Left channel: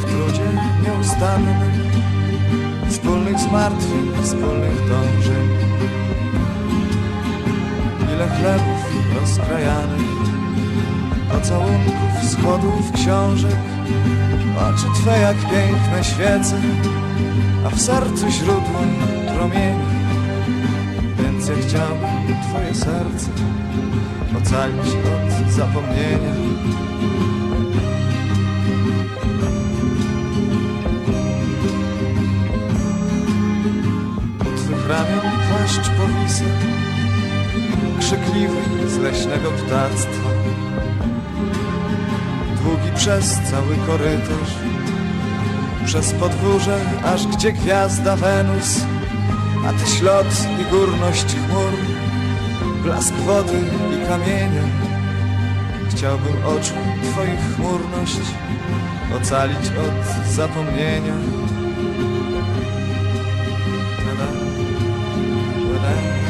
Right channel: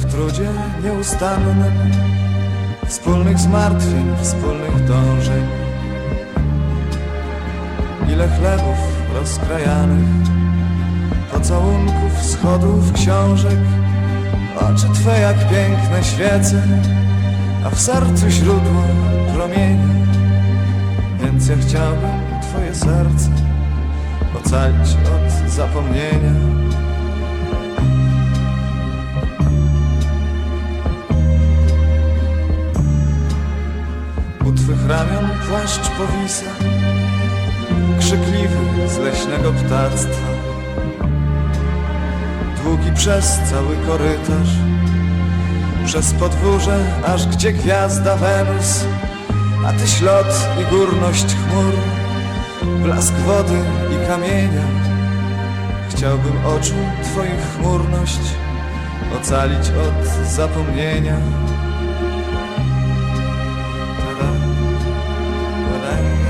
W trudzie nieustannym Wspólnych zmartwień, wspólnych dążeń. Ile chlebów rozkrajanych Pocałunków, schodów, książek. Oczy Twe jak piękne świece A w sercu źródło promienia Więc ja chciałbym Twoje serce Ocalić od zapomnienia U twych ramion płaszcz powisa Krzykliwy z leśnego ptactwa. Długi przez cały korytarz. Przez podwórze, aż gdzie gwiazda Wenus. A ty ślot i górność chmur. Blask wody i kamienia Chciałbym oczu twoich chmurność Ocalić od zapomnienia But I